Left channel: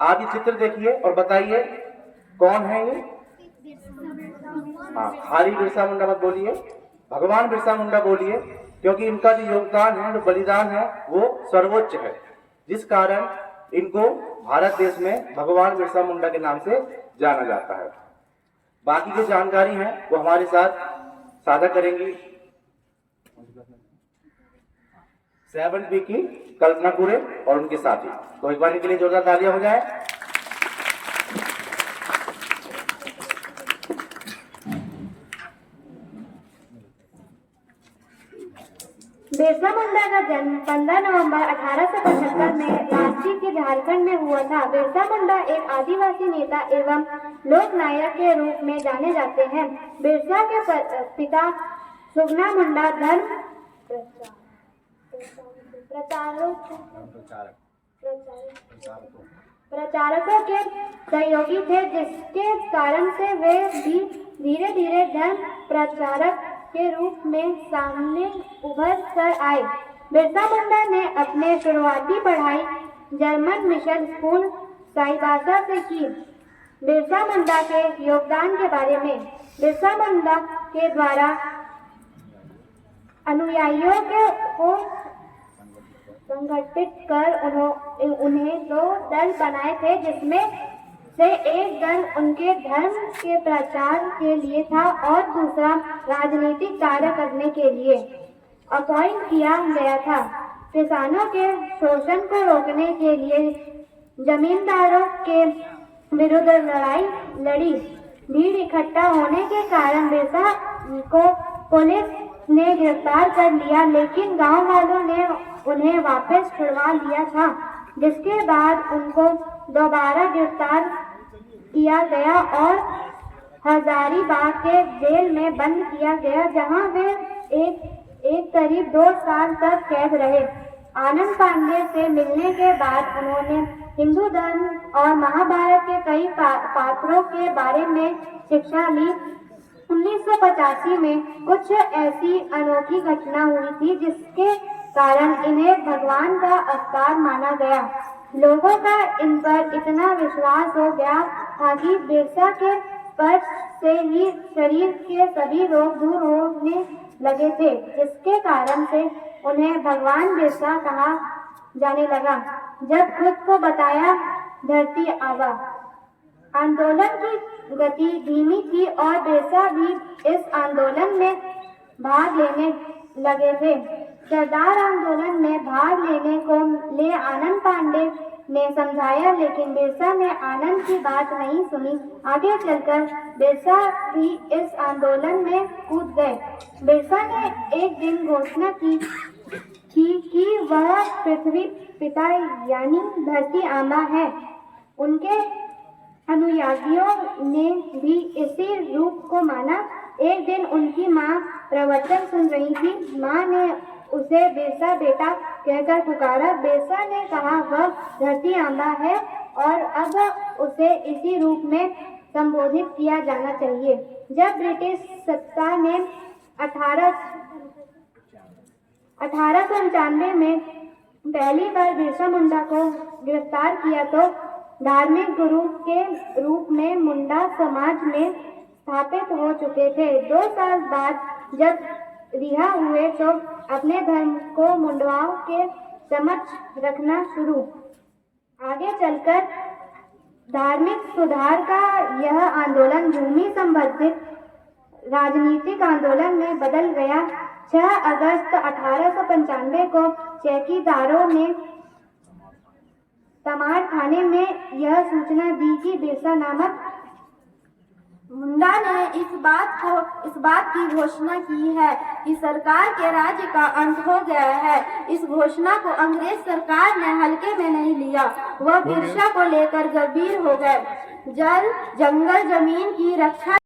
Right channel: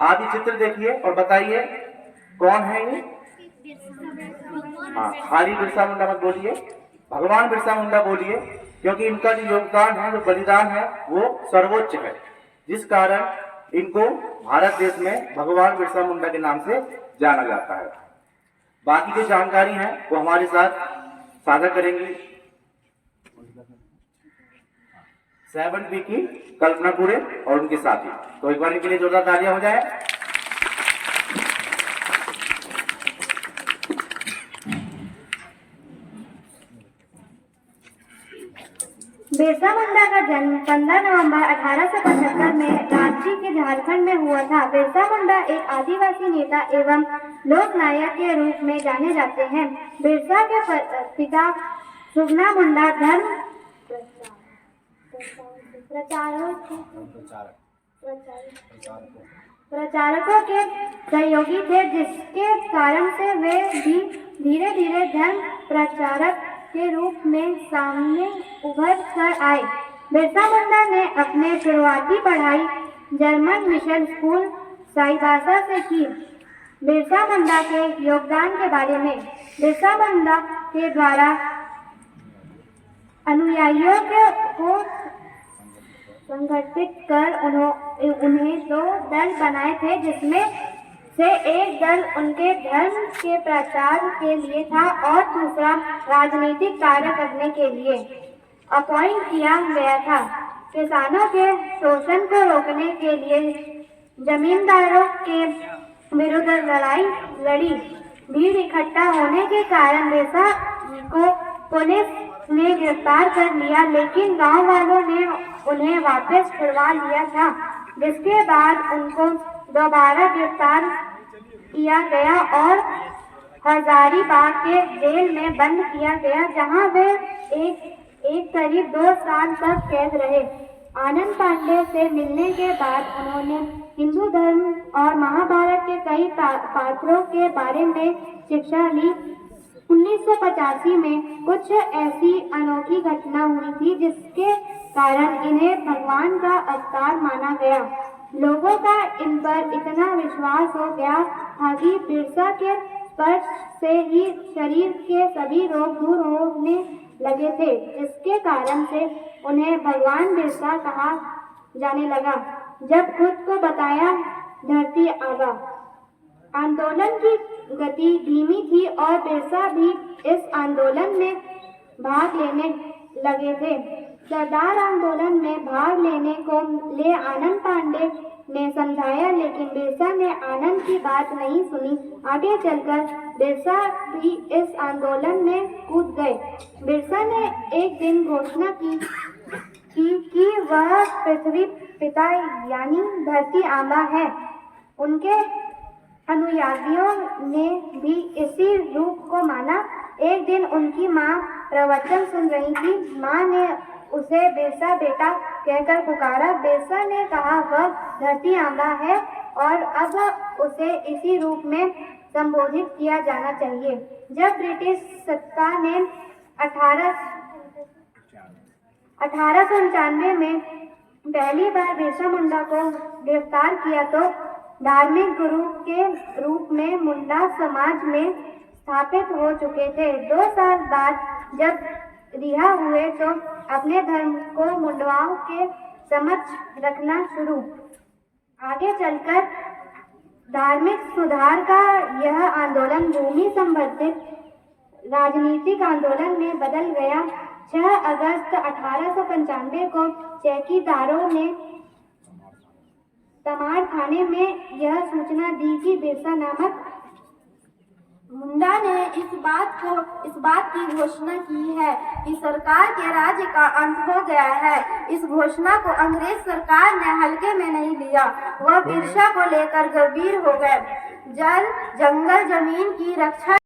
आप ये चित्र देखिए और बताइए कौन है ये। हाँ, खाली बिरसा मुंडा मत बोलिए, भगवान बिरसा मुंडा बोलिए, क्योंकि इनका जो योगदान है, जो बलिदान है, वो सर्वोच्च है, जिस कारण इनको भारत देश में भगवान बिरसा मुंडा के नाम से जाना जाता है। बाकी की जानकारी है वो हमारे साथ साझा करेंगी 7B की कल्पना कुरे और उनके साथी। तो एक बार इनके लिए जोरदार तालियां हो जाए। बिरसा मुंडा का जन्म 15 नवंबर 1875 में रांची के झारखंड में हुआ था। बिरसा मुंडा एक आदिवासी नेता एवं लोक नायक के रूप में जाने जाते हैं। बिरसा के पिता सुगना मुंडा धर्म प्रचारकों के सहयोगी थे, जिसके कारण से वे भी धीरे धीरे धर्म प्रचारक के रूप में सामने उभर कर आए। बिरसा मुंडा ने अपने शुरुआती पढ़ाई जर्मन मिशन स्कूल साईबासा से की। बिरसा मुंडा के योगदान के बारे में, बिरसा मुंडा के द्वारा अनुयायियों को संगठित कर उन्हें 2 दल बनाए थे, जिसमें से एक दल उनके धर्म के प्रचार के लिए था और दूसरा राजनीतिक कार्य करने के लिए अपॉइंट किया गया था। किसानों के शोषण को रोकने के लिए जमींदारों के विरुद्ध लड़ाई लड़ी। भीड़ इकट्ठा होने के कारण बिरसा को पुलिस ने गिरफ्तार कर लिया, लेकिन गांव वालों ने उन्हें वापस छुड़वा लिया था, जिसके बाद उनको दोबारा गिरफ्तार किया गया और हजारीबाग के जेल में बंद किया गया, जहां वे एक करीब 2 साल तक कैद रहे। आनंद पांडे से मिलने के बाद उन्होंने हिंदू धर्म और महाभारत के कई पात्रों के बारे में शिक्षा ली। 1985 में कुछ ऐसी अनोखी घटना हुई थी जिसके कारण इन्हें भगवान का अवतार माना गया। लोगों का इन पर इतना विश्वास हो गया था कि बिरसा के स्पर्श से ही शरीर के सभी रोग दूर होने लगे थे, जिसके कारण से उन्हें भगवान बिरसा कहा जाने लगा। जब खुद को बताया धरती आबा। आंदोलन की गति धीमी थी और बिरसा भी इस आंदोलन में भाग लेने लगे थे। सरदार आंदोलन में भाग लेने को ले आनंद पांडे ने समझाया, लेकिन बिरसा ने आनंद की बात नहीं सुनी। आगे चलकर बिरसा भी इस आंदोलन में कूद गए। बिरसा ने एक दिन घोषणा की कि वह पृथ्वी पिता यानी धरती आबा है। उनके अनुयायियों ने भी इसी रूप को माना। एक दिन उनकी माँ प्रवचन सुन रही थी। माँ ने उसे बिरसा बेटा कहकर पुकारा। बिरसा ने कहा वह धरती आबा है और अब उसे इसी रूप में संबोधित किया जाना चाहिए। जब ब्रिटिश सत्ता ने 1895 में पहली बार बिरसा मुंडा को गिरफ्तार किया तो धार्मिक गुरु के रूप में मुंडा समाज में स्थापित हो चुके थे। 2 साल बाद जब रिहा हुए तो अपने धर्म को मुंडवाओं के समक्ष रखना शुरू। आगे चलकर धार्मिक सुधार का यह आंदोलन भूमि संबंधित राजनीतिक आंदोलन में बदल गया। 6 अगस्त 1895 को चौकीदारों ने तमाड़ थाने में यह सूचना दी कि बिरसा नामक मुंडा ने इस बात की घोषणा की है कि सरकार के राज्य का अंत हो गया है। इस घोषणा को अंग्रेज सरकार ने हल्के में नहीं लिया। वह बिरसा को लेकर गंभीर हो गए। जल, जंगल, जमीन की रक्षा